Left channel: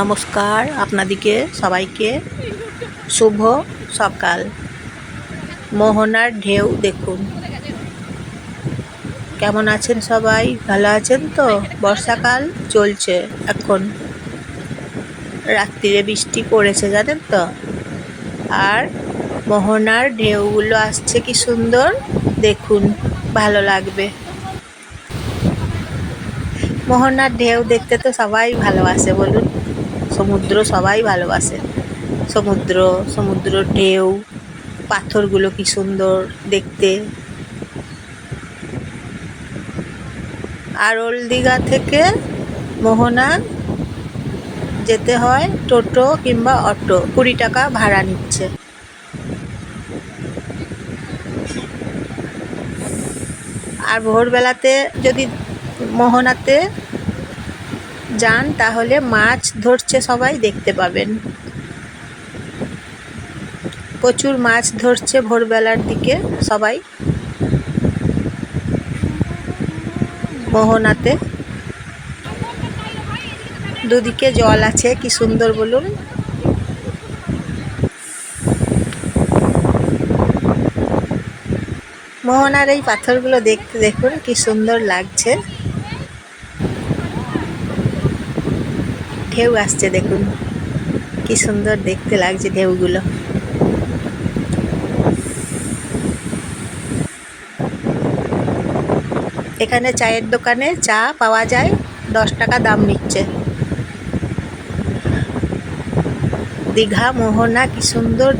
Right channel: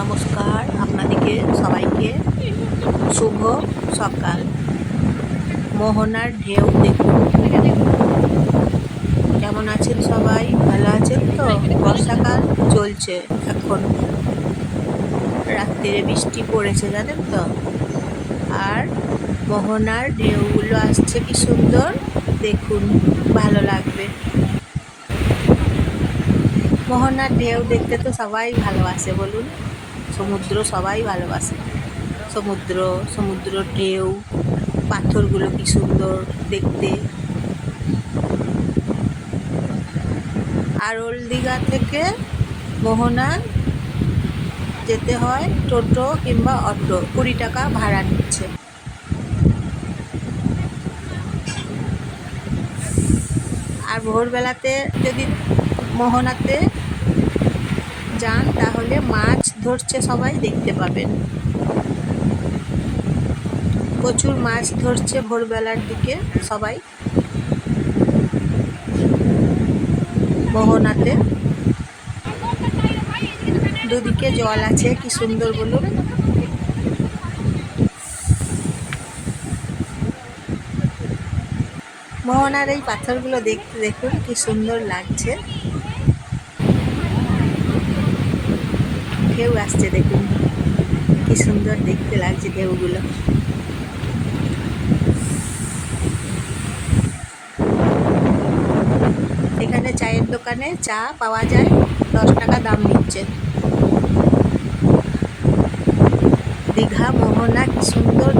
নমস্কার আপনাদেরকে সবাইকে শুভ সকাল। মোহনার ঢেউ দেখুন। কেমন আছেন সবাই? ভালো আছেন তো? বর্ষাকাল চলছে, এখন রাত্রিরে বৃষ্টি পড়েছে জানেন তো। আর মোহনার ঢেউগুলো আসছে কি সুন্দর দেখুন, ভালো লাগবে। মোহনার ঢেউ দেখতে তো সবাই ভালোবাসে বলুন। সমুদ্র সবাই ভালোবাসে। সমুদ্র ঢেউ, পাথরগুলো কি সুন্দর দেখতে। আর ওল্ড দীঘা থেকে মোহনা যেতে হয় টোটো কিংবা অটো, 20 টাকা ভাড়া নিচ্ছে। আর ভোরবেলাতে যদি মোহনাতে যান তাহলে মাছ ধরছে সবাই দেখতে পাবেন। প্রচুর মাছ ধরছে ভোরবেলার দিকে সবাই মোহনাতে। দুদিকে জল আছে, কি সুন্দর বলুন। মোহনার এই পাথরগুলো দেখতে দেখুন কি সুন্দর লাগছে। ঢেউ আসছে দেখুন, কি সুন্দর দেখতে লাগছে ঢেউগুলো। এখানে চায়ের দোকানে চা পাওয়া যায়, 10 টাকা দাম নিচ্ছে। দীঘা মোহনা কি সুন্দর।